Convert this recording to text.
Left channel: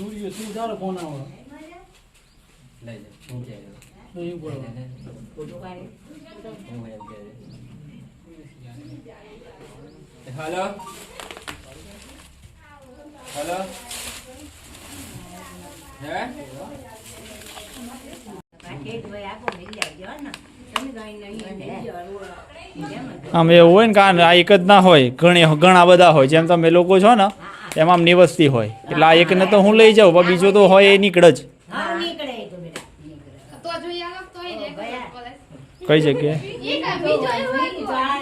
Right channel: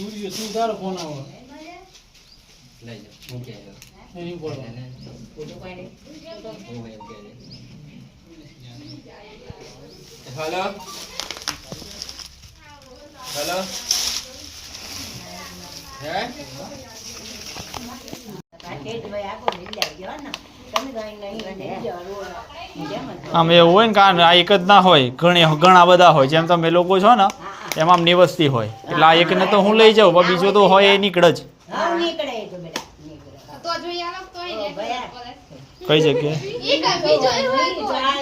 તું તારો ફોન આવો લઈ જા હું કે નહીં બોલો ફોટો કાઢી હું એમ કે હેલો હેલો હે કાઢે જ ભાઈ આખો મિલાઈ ગયો ને તમે ગઈ નહીં આમ એવું હોય ને કારણ આ એક જ ના હોય ઘણા બધા હોય જેમ તમે લોકો છો ને એમાં આમ નિવસ્તી હોય એટલે આ એકને તો હું લઈ જાઉં પણ બીજો તો હોય એ નીકળે જ હા નીકળે તો બેટા તો જોઈએ આમ તો ઓ ભયા કઈ જગ્યાએ એ કા બીજો આ